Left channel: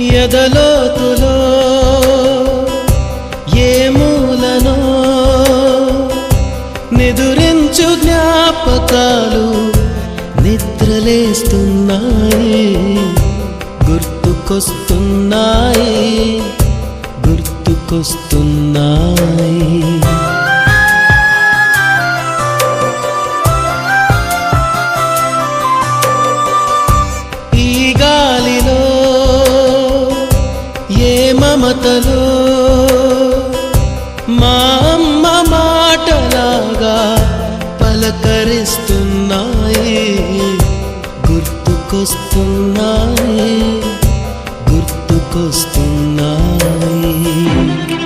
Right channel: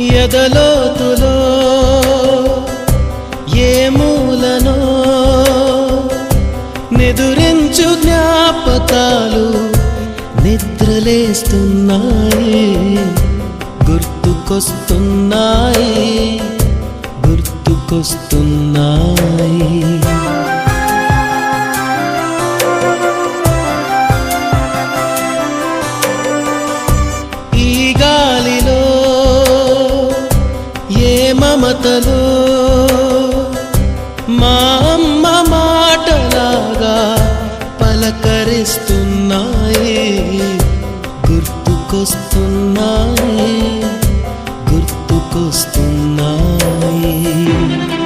ఎదలోతులో ఏ మూలనో నిదురించు జ్ఞాపకాలు నిద్రలేస్తున్నాయి, గుర్తుకొస్తున్నాయి, గుర్తుకొస్తున్నాయి. ఈ గాలిలో ఏ మమతలో మా అమ్మ మాటలాగా పలకరిస్తున్నాయి, గుర్తుకొస్తున్నాయి, గుర్తుకొస్తున్నాయి.